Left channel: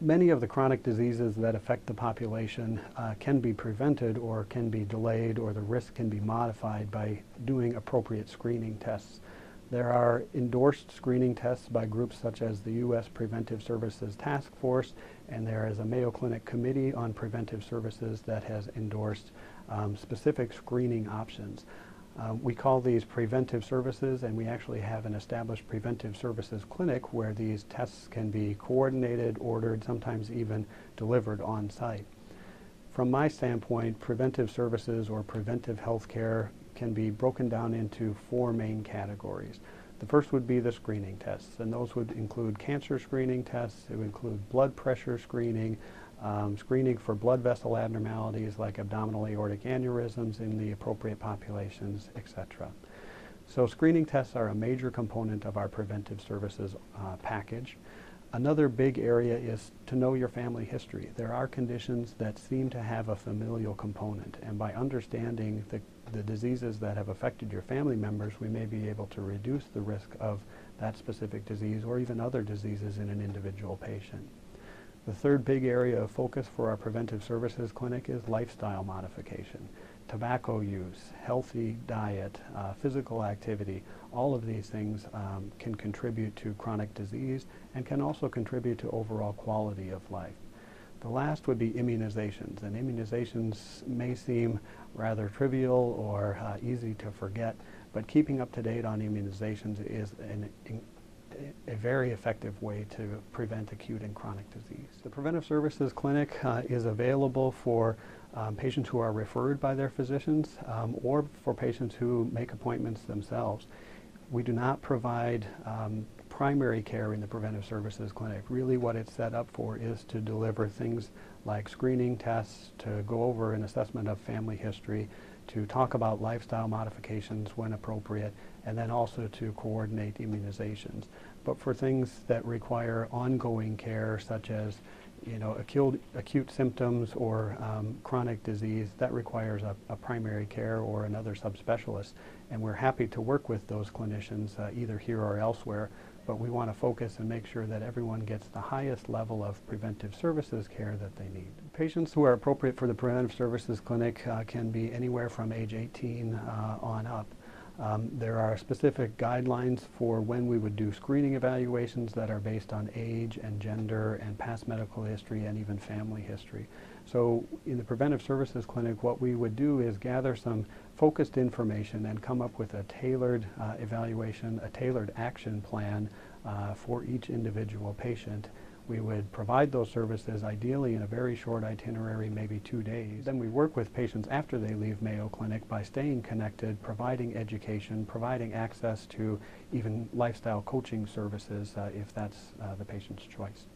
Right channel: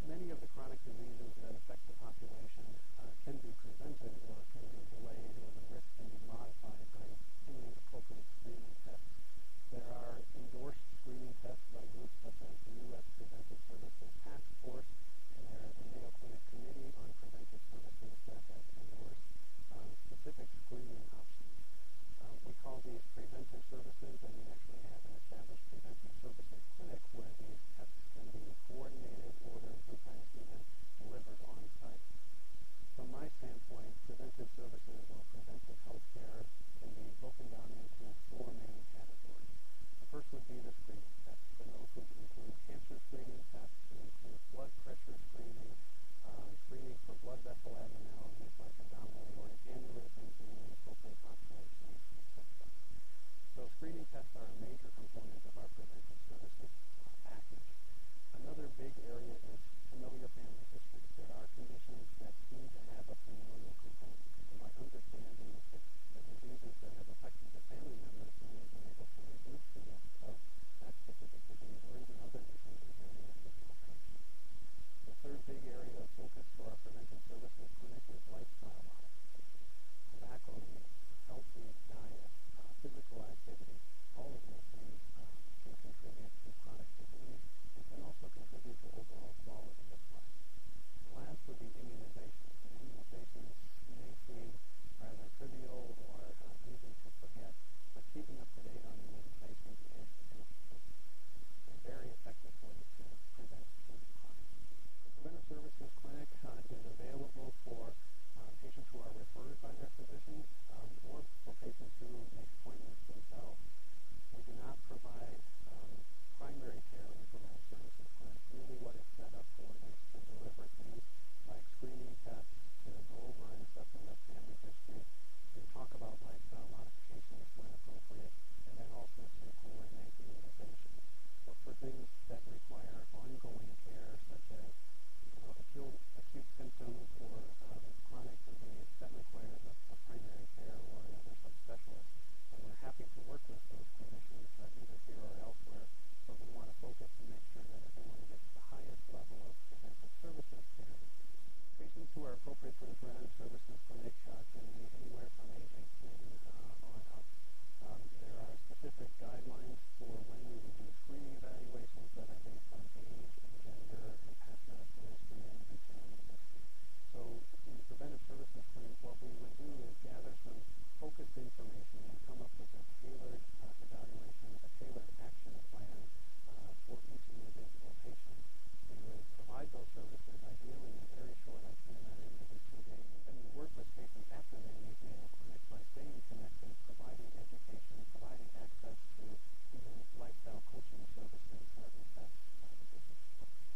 Many of the chronic diseases that affect the population can be prevented or can be delayed, or the risk can be modified by doing appropriate screening tests. There are endorsed screening tests by groups such as the U.S. Preventive Services Task Force, and there is a Mayo Clinic Committee on Preventive Services that has endorsed specific screening options. We call these preventive services, and we actually have an established preventive services clinic where these tests can be coordinated, ordered, sometimes even delivered on site. From my standpoint, preventive services or preventive health care can be broken down into four main categories. The first would be the screening tests, and those would include cancer screening tests. It would include blood pressure screening, screening for blood vessel abnormalities like abdominal aortic aneurysms in the appropriate populations, etc. So screening tests are a major component of our preventive services package. Another big area is to know your family history. There are conditions that seem to have a familial component, and by understanding the diseases that have affected your family members, we may be able to reduce the risk of that specific disease or even other diseases in an individual patient. The third big area of focus for our preventive services clinic is lifestyle modification. Tobacco use, healthy diet, physical activity, all of these things can contribute to chronic disease and can also contribute to overall quality of life. The last would be immunizations, and immunizations may seem rather trivial or easy to forget, but keeping up to date on immunizations is a very effective way to prevent acute and chronic disease. The Preventive Services Clinic is available for patients who are referred by their physicians or for patients who make appointments themselves. We do not provide primary care in the Preventive Services Clinic. Really what it's set up for is to deliver things like screening tests, to go over an assessment of family history, to talk about lifestyle modifications when appropriate, and then also to coordinate immunizations. But for things that require ongoing care, such as acute symptoms or chronic disease, that requires a primary care or another subspecialist. And we're happy to work with those clinicians either here or elsewhere, but we want to focus and make sure that everyone gets the highest level of preventive services care that they need. Patients who are appropriate for the Preventive Services Clinic can be anywhere from age 18 on up. There are specific guidelines for when we would do screening evaluations that are based on age and gender and past medical history and even family history. So in the Preventive Services Clinic, what we would do is gather some focused information and come up with a tailored evaluation, a tailored action plan for each individual patient. We would provide those services ideally in a very short itinerary, maybe 2 days. Then we work with patients after they leave Mayo Clinic by staying connected, providing education, providing access to even lifestyle coaching services if that's the patient's choice.